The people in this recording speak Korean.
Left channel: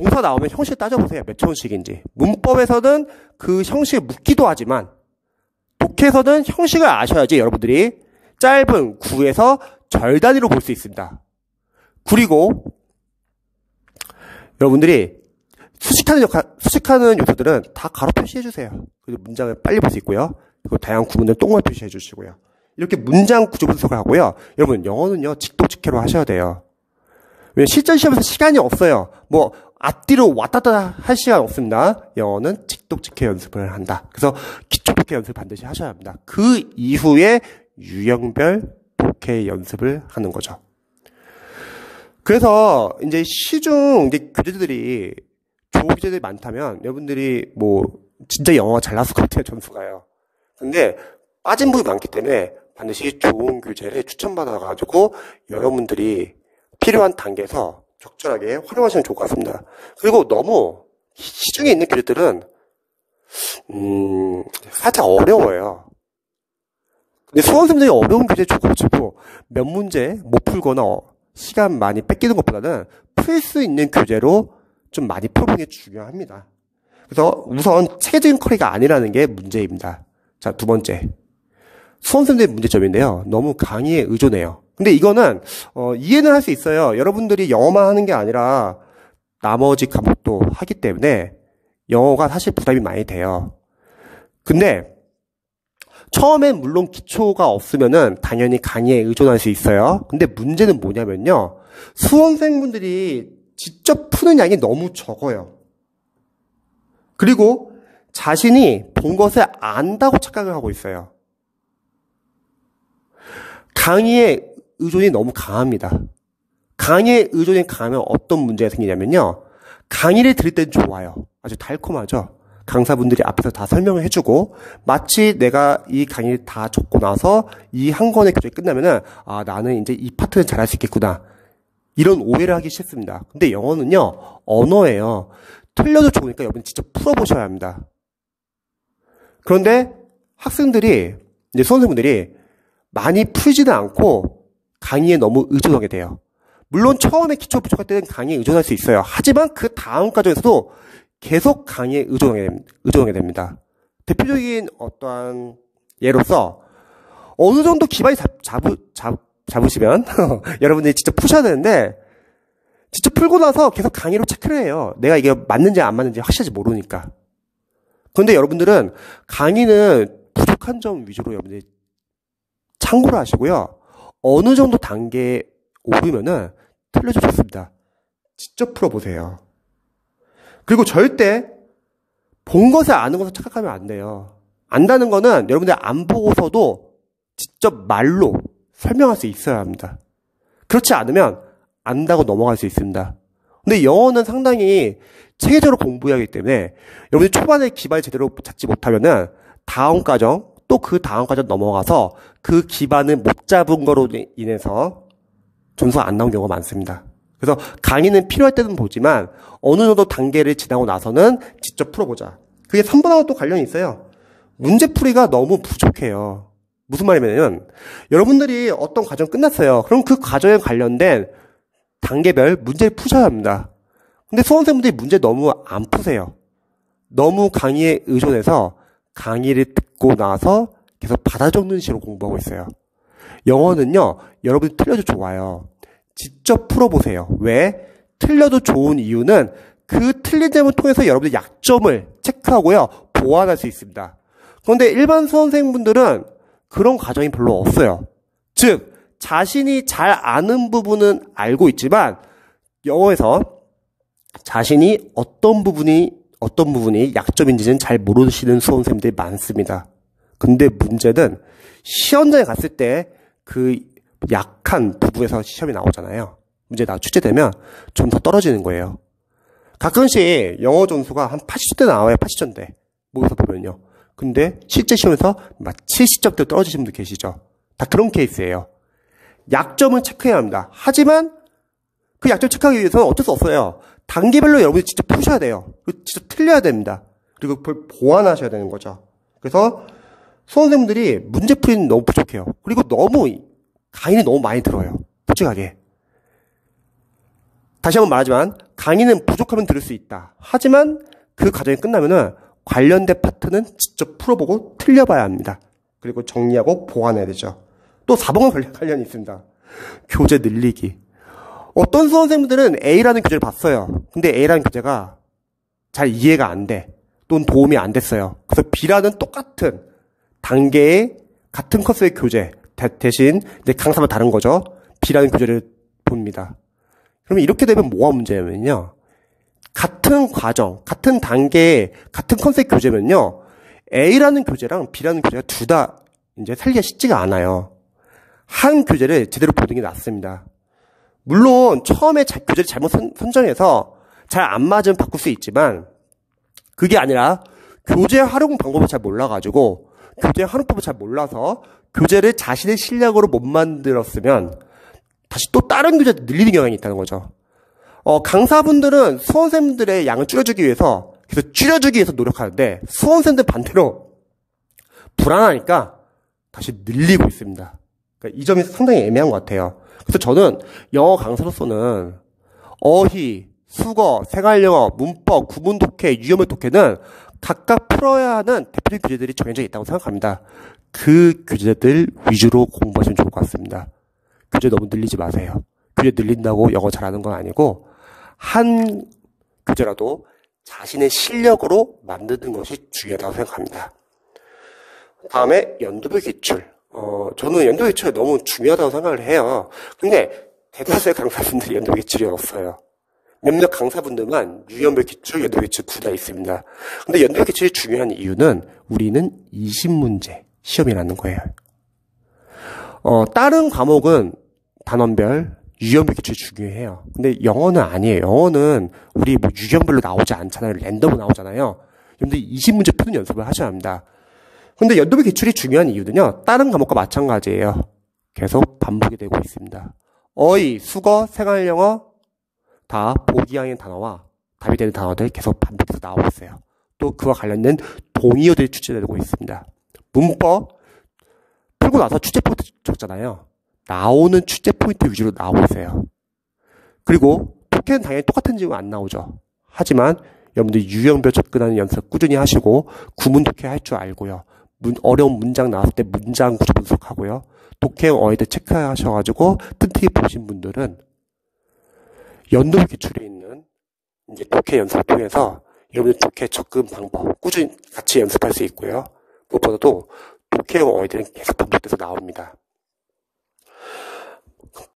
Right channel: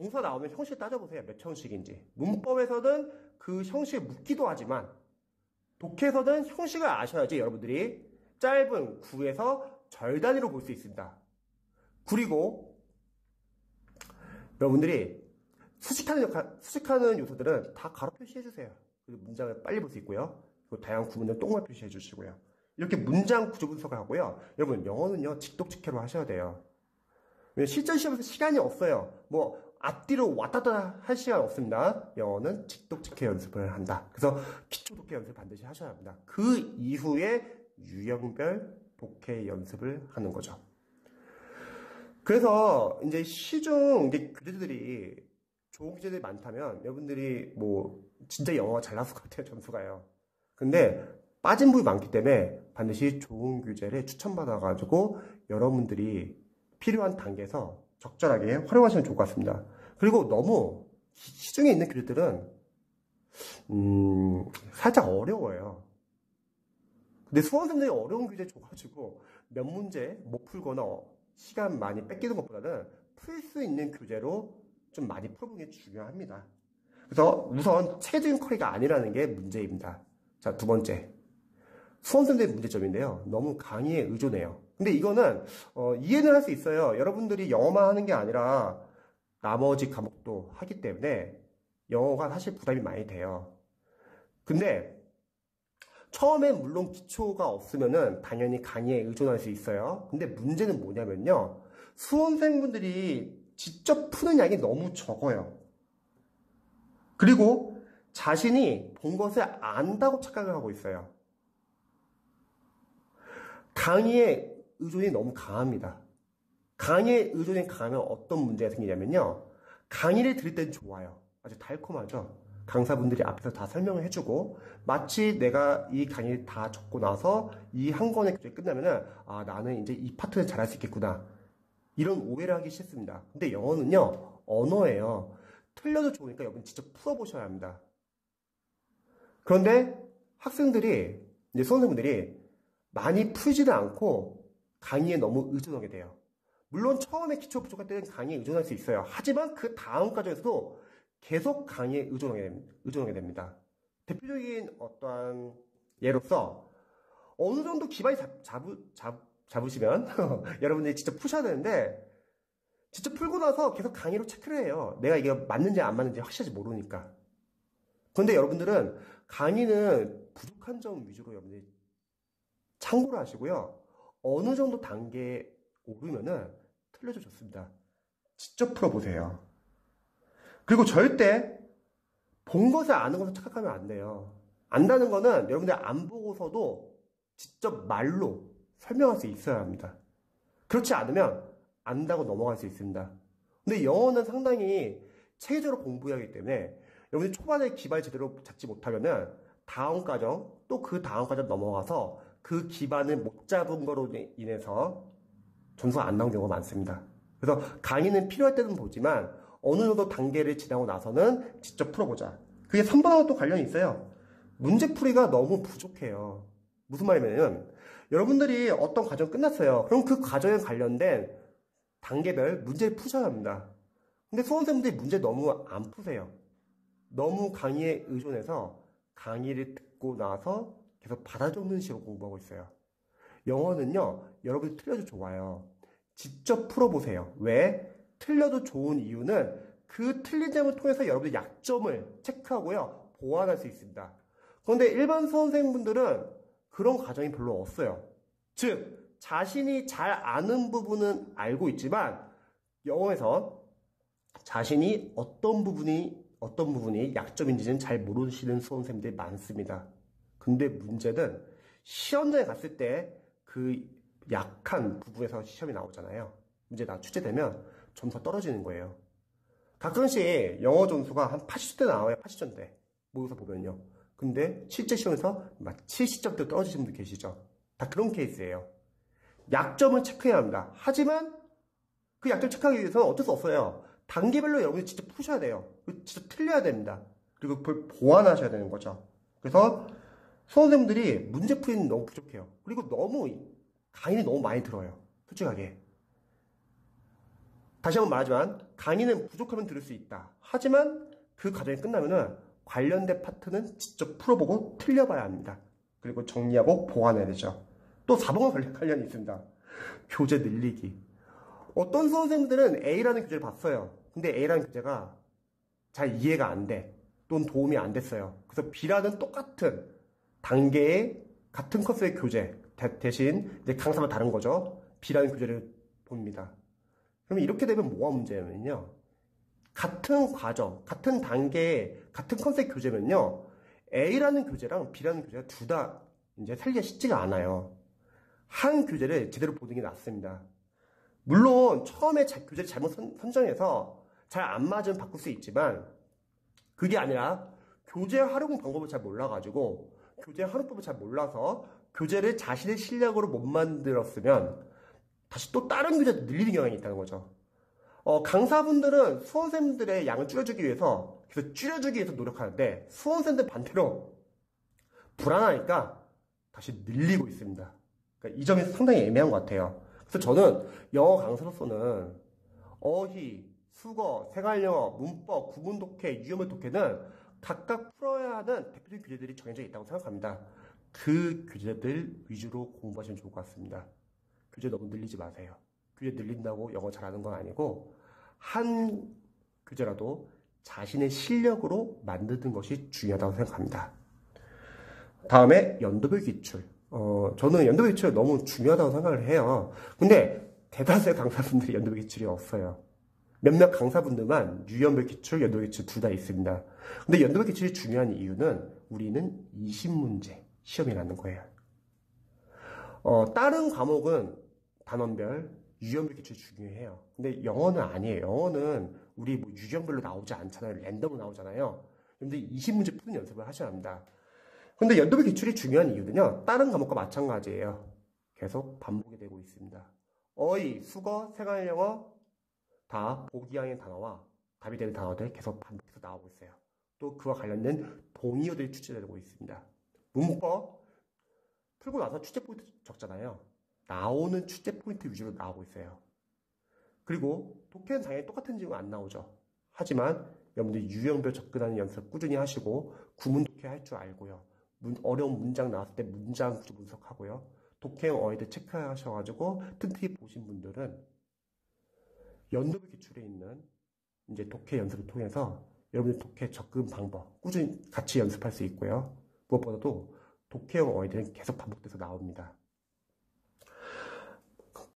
동사 나오면 형식 따져보세요. 몇 초원식인지. 문법에서는 그 형식을 묻기도 하지만 독해에서는 형식을 아셔야지 여러분들이 짧은 구에서 절 단위로 볼 수 있습니다. 그리고 여러분들이 수식하는 요소들은 다 가로 표시해주세요. 그리고 문장을 빨리 볼 수 있고요. 그리고 다양한 구문을 똥을 표시해 주시고요. 이렇게 문장 구조 분석을 하고요. 여러분 영어는요 직독직해로 하셔야 돼요. 왜냐면 실전 시험에서 시간이 없어요. 뭐 앞뒤로 왔다 갔다 할 시간 없습니다. 영어는 직독직해 연습을 한다. 그래서 기초 독해 연습을 반드시 하셔야 합니다. 그 이후에 유형별 독해 연습을 하는 거죠. 그래서 이제 시중 이제 교재들이 좋은 교재들이 많다면 여러분들이 뭐 진짜 영어가 잘 나왔을 것 같아요. 점수가요. 근데 빠진 부분이 많기 때문에 반드시 좋은 교재를 추천받아가지고 여러분들이 필요한 단계에서 적절하게 활용하시면 좋을 것 같습니다. 그리고 너무 시중에 있는 교재들은 살짝 어려워요. 근데 수험생들이 어려운 교재 줘가지고 몇 문제 못 풀거나 시간 많이 뺏기는 것보다는 풀 수 있는 교재로 좀 많이 풀어보는 게 중요합니다. 그래서 우선 체계적인 커리가 아니라는 게 문제입니다. 자, 두 번째. 수험생들의 문제점인데요. 너무 강의에 의존해요. 근데 이거는 이해는 할 수 있어요. 여러분들이 영어만 하는 게 아니라 나머지 과목도 하기 때문에 영어가 사실 부담이 많이 돼요. 근데 처음엔 물론 기초가 없으면은 당연히 강의에 의존할 수 있어요. 근데 문제는 뭐냐면요. 수험생분들이 직접 푸는 양이 너무 적어요. 그리고 자신이 본 것을 안다고 착각을 하고 있어요. 강의에 의존이 너무 강합니다. 강의에 의존이 강하면 어떤 문제가 생기냐면요. 강의를 들을 때는 좋아요. 아주 달콤하죠. 강사분들이 앞에서 다 설명을 해주고 마치 내가 이 강의를 다 적고 나서 이 한 권의 교재가 끝나면은 아 나는 이제 이 파트는 잘할 수 있겠구나. 이런 오해를 하기 싫습니다. 근데 영어는요. 언어예요. 틀려도 좋으니까 여러분 직접 풀어보셔야 합니다. 그런데 학생들이 이제 수험생분들이 많이 풀지는 않고 강의에 너무 의존하게 돼요. 물론 처음에 기초 부족할 때는 강의에 의존할 수 있어요. 하지만 그 다음 과정에서도 계속 강의에 의존하게 됩니다. 대표적인 어떠한 예로서 어느 정도 기반이 잡으시면 여러분들이 직접 푸셔야 되는데 직접 풀고 나서 계속 강의로 체크를 해요. 내가 이게 맞는지 안 맞는지 확실하지 모르니까. 그런데 여러분들은 강의는 부족한 점 위주로 여러분들이 참고를 하시고요. 어느 정도 단계에 오르면은 틀려도 좋습니다. 직접 풀어보세요. 그리고 절대 본 것을 아는 것을 착각하면 안 돼요. 안다는 거는 여러분들이 안 보고서도 직접 말로 설명할 수 있어야 합니다. 그렇지 않으면 안다고 넘어갈 수 있습니다. 근데 영어는 상당히 체계적으로 공부해야 하기 때문에 여러분들이 초반에 기반을 제대로 잡지 못하면은 다음 과정 또 그 다음 과정 넘어가서 그 기반을 못 잡은 거로 인해서 점수가 안 나온 경우가 많습니다. 그래서 강의는 필요할 때는 보지만 어느 정도 단계를 지나고 나서는 직접 풀어보자. 그게 3번하고 또 관련이 있어요. 문제풀이가 너무 부족해요. 무슨 말이냐면 여러분들이 어떤 과정 끝났어요. 그럼 그 과정에 관련된 단계별 문제를 푸셔야 합니다. 근데 수험생분들이 문제 너무 안 푸세요. 너무 강의에 의존해서 강의를 듣고 나서 계속 받아 적는 식으로 공부하고 있어요. 영어는요. 여러분이 틀려도 좋아요. 직접 풀어보세요. 왜? 틀려도 좋은 이유는 그 틀린 점을 통해서 여러분의 약점을 체크하고요. 보완할 수 있습니다. 그런데 일반 수험생분들은 그런 과정이 별로 없어요. 즉 자신이 잘 아는 부분은 알고 있지만 영어에서 자신이 어떤 부분이 약점인지는 잘 모르시는 수험생들이 많습니다. 근데 문제는 시험장에 갔을 때 그 약한 부분에서 시험이 나오잖아요. 문제 출제되면 좀 더 떨어지는 거예요. 가끔씩 영어 점수가 한 80점대 나와요. 80점대. 모의고사 보면요. 근데 실제 시험에서 막 70점대 떨어지시는 분들 계시죠. 다 그런 케이스예요. 약점을 체크해야 합니다. 하지만 그 약점 체크하기 위해서는 어쩔 수 없어요. 단계별로 여러분이 직접 푸셔야 돼요. 직접 틀려야 됩니다. 그리고 그걸 보완하셔야 되는 거죠. 그래서 수험생들이 문제풀이는 너무 부족해요. 그리고 너무 강의는 너무 많이 들어요. 솔직하게. 다시 한번 말하지만 강의는 부족하면 들을 수 있다. 하지만 그 과정이 끝나면은 관련된 파트는 직접 풀어보고 틀려봐야 합니다. 그리고 정리하고 보완해야 되죠. 또 4번과 관련이 있습니다. 교재 늘리기. 어떤 수험생들은 A라는 교재를 봤어요. 근데 A라는 교재가 잘 이해가 안 돼. 또는 도움이 안 됐어요. 그래서 B라는 똑같은 단계의 같은 커스의 교재 대신 내 강사가 다른 거죠. B라는 교재를 봅니다. 그러면 이렇게 되면 뭐가 문제냐면요. 같은 과정, 같은 단계의 같은 컨셉 교재면요. A라는 교재랑 B라는 교재가 둘 다 이제 살기가 쉽지가 않아요. 한 교재를 제대로 보는 게 낫습니다. 물론 처음에 교재를 잘못 선정해서 잘 안 맞으면 바꿀 수 있지만 그게 아니라 교재 활용 방법을 잘 몰라가지고 교재 활용법을 잘 몰라서 교재를 자신의 실력으로 못 만들었으면 다시 또 다른 교재를 늘리는 경향이 있다는 거죠. 강사분들은 수험생들의 양을 줄여주기 위해서 노력하는데 수험생들 반대로 불안하니까 다시 늘리고 있습니다. 그러니까 이 점이 상당히 애매한 것 같아요. 그래서 저는 영어 강사로서는 어휘, 수거, 생활영어, 문법, 구문 독해, 유형별 독해는 각각 풀어야 하는 대표적인 교재들이 정해져 있다고 생각합니다. 그 교재들 위주로 공부하시면 좋을 것 같습니다. 교재 너무 늘리지 마세요. 교재 늘린다고 영어 잘하는 건 아니고 한 교재라도 자신의 실력으로 만드는 것이 중요하다고 생각합니다. 다음에 연도별 기출. 저는 연도별 기출이 너무 중요하다고 생각을 해요. 근데 대다수의 강사분들이 연도별 기출이 없어요. 몇몇 강사분들만 유형별 기출, 연도별 기출 둘 다 있습니다. 근데 연도별 기출이 중요한 이유는 우리는 20문제 시험이라는 거예요. 다른 과목은 단원별, 유형별 기출이 중요해요. 근데 영어는 아니에요. 영어는 우리 뭐 유형별로 나오지 않잖아요. 랜덤으로 나오잖아요. 여러분들 20문제 푸는 연습을 하셔야 합니다. 근데 연도별 기출이 중요한 이유는요. 다른 과목과 마찬가지예요. 계속 반복이 되고 있습니다. 어휘, 수거, 생활영어 다 보기형의 단어와 답이 되는 단어들 계속 반복해서 나오고 있어요. 또 그와 관련된 동의어들이 출제되고 있습니다. 문법 풀고 나서 출제 포인트 적잖아요. 나오는 출제 포인트 위주로 나오고 있어요. 그리고 독해는 당연히 똑같은 질문 안 나오죠. 하지만 여러분들 유형별 접근하는 연습 꾸준히 하시고 구문 독해 할 줄 알고요. 어려운 문장 나왔을 때 문장 구조 분석하고요. 독해형 어휘들 체크하셔가지고 튼튼히 보신 분들은 연도별 기출에 있는 이제 독해 연습을 통해서 여러분들 독해 접근 방법 꾸준히 같이 연습할 수 있고요. 무엇보다도 독해형 어휘들은 계속 반복돼서 나옵니다.